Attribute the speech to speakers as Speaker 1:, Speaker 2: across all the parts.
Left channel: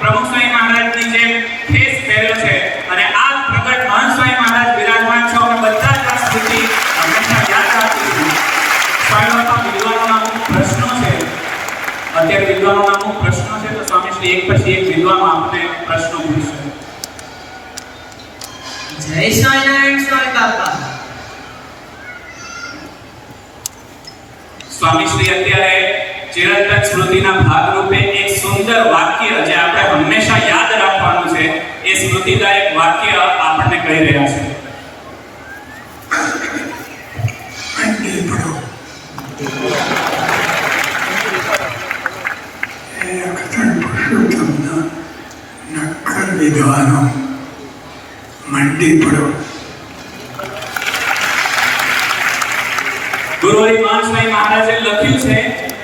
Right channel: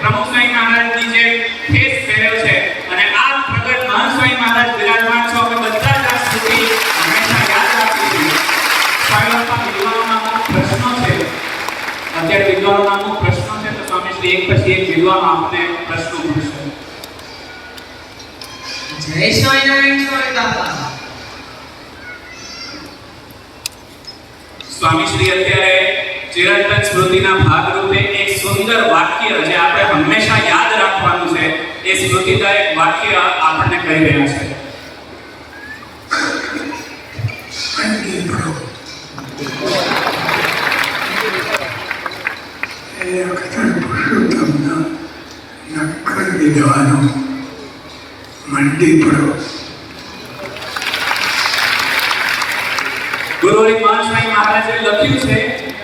Speaker 1: પ્રમુખ સ્વામી મહારાજની જે અને આ પ્રગટ મહંત મહારાજ બિરાજમાન છો. અમે બધા જ આ સ્મૃતિ હંમેશા યાદ રાખીશું પ્રશ્નો છે. અત્યારે વિદ્વાનોના અમુક પ્રશ્નો છે એક પછી એક વિદ્વાનો આપને પ્રશ્નો પૂછશું.
Speaker 2: જય સ્વામિનારાયણ સ્વામી બાપા.
Speaker 1: સ્વામીશ્રી અત્યારે ચિરંતન સ્મૃતિના ભાગરૂપે એક સુંદર વાક્ય જે આપણે હંમેશા યાદ રાખવાનું છે. એ સ્મૃતિદાયક વાક્ય આપણને કહી રહ્યા છે
Speaker 3: ઠંડી પડો એ અક્ષર પુરુષોત્તમના વિદ્વાનો મંડી પડો.
Speaker 1: ગુરુહરિ મહંત સ્વામી મહારાજે લખ્યું છે,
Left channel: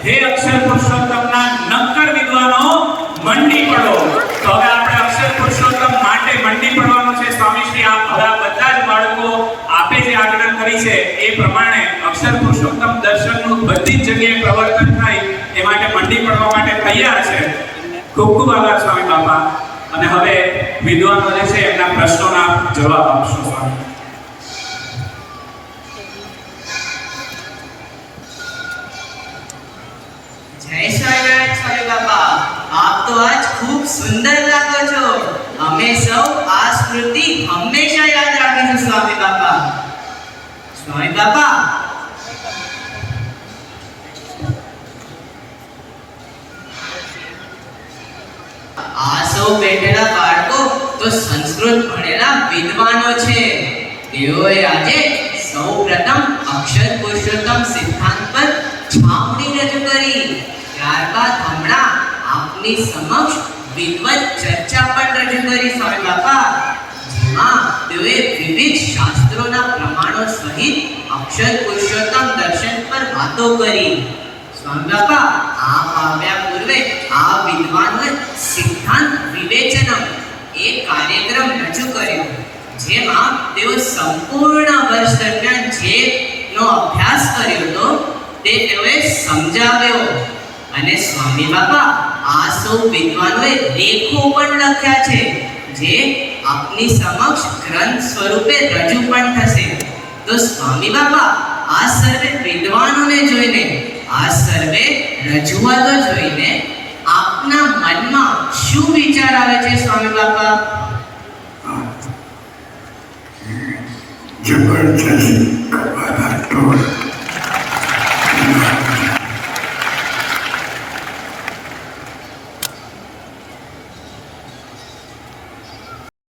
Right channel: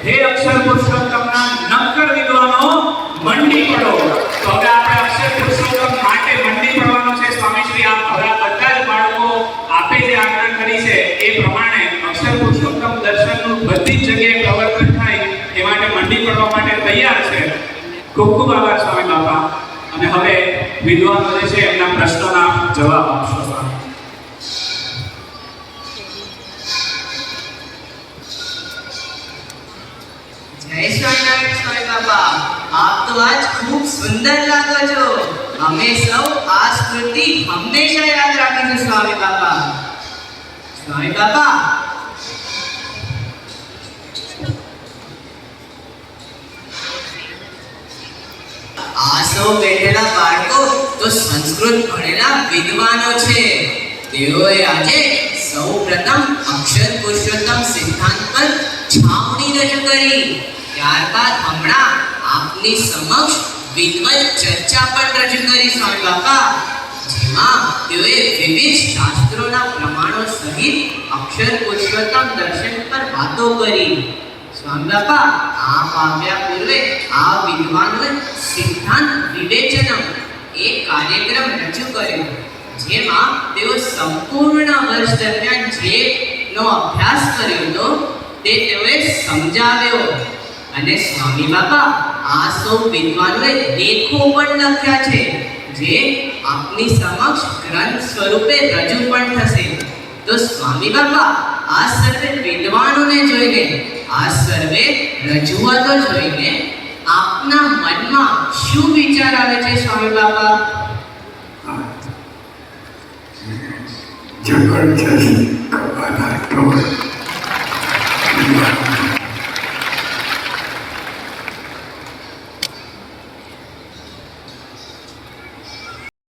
Speaker 1: હે અક્ષર પુરુષોત્તમના નક્કર વિદ્વાનો, મંડી પડો. તો હવે આપણે અક્ષર પુરુષોત્તમ માટે મંડી પડવાનું છે. સ્વામીશ્રી, આપ હવે બધા જ બાળકો આપે જે આજ્ઞા કરી છે, એ પ્રમાણે અક્ષર પુરુષોત્તમ દર્શનનું બધી જ જગ્યાએ પ્રવર્તન થાય, એ માટે મંડી પડવા માટે તૈયાર છે. ખૂબ ખૂબ આભાર, સ્વામી બાપા. અને હવે વિદ્વાનો છે એમના પ્રશ્નોના જવાબ આપશો.
Speaker 2: જય સ્વામિનારાયણ સ્વામી આપ તો આજ ખૂબ સુંદર લાગો છો. અમે સૌ આ સ્મૃતિ હંમેશા યાદ રાખીશું, સ્વામી બાપા. સ્વામી બાપા સૌ બેઠેલા બાળકો તો સંસ્કૃત ભણેલા વિદ્વાનો છે. તેઓએ આજે સૌ પ્રથમ અક્ષર પુરુષોત્તમ સિદ્ધાંત પર છાપણી રજૂ કરી. ત્યારબાદ હમણાં આપની સમક્ષ વિદવત ચર્ચા પણ રજૂ કરી, સ્વામી બાપા. જેમાં તેઓએ વિવિધ શાસ્ત્રોના પ્રમાણો સહિત અક્ષર પુરુષોત્તમ દર્શન પર વાતો કરી. સ્વામી બાપા આ પામ્યા પૂર્વે આ વિદ્વાનોએ સિદ્ધાંત વિવેચનમ એ કાર્યક્રમ રજૂ કર્યો, જેમાં તેઓ સંપૂર્ણ વર્ષ દરમિયાન જે નો અભ્યાસ કર્યો હતો, તે તેઓએ સમજાવ્યો. અને સ્વામી બાપા, આ સૌ વિદ્વાનોએ લેખો પણ લખ્યા છે, જે આપની સમક્ષ ગ્રંથ સ્વરૂપે રજૂ પણ થશે. તો સ્વામી બાપા, આ સર્વે વિદ્વાનોને જોઈને, આ સર્વે રજૂઆતો જોઈને આપના મનમાં શું વિચાર આવે છે સ્વામી બાપા?
Speaker 3: જબરજસ્ત કપાલા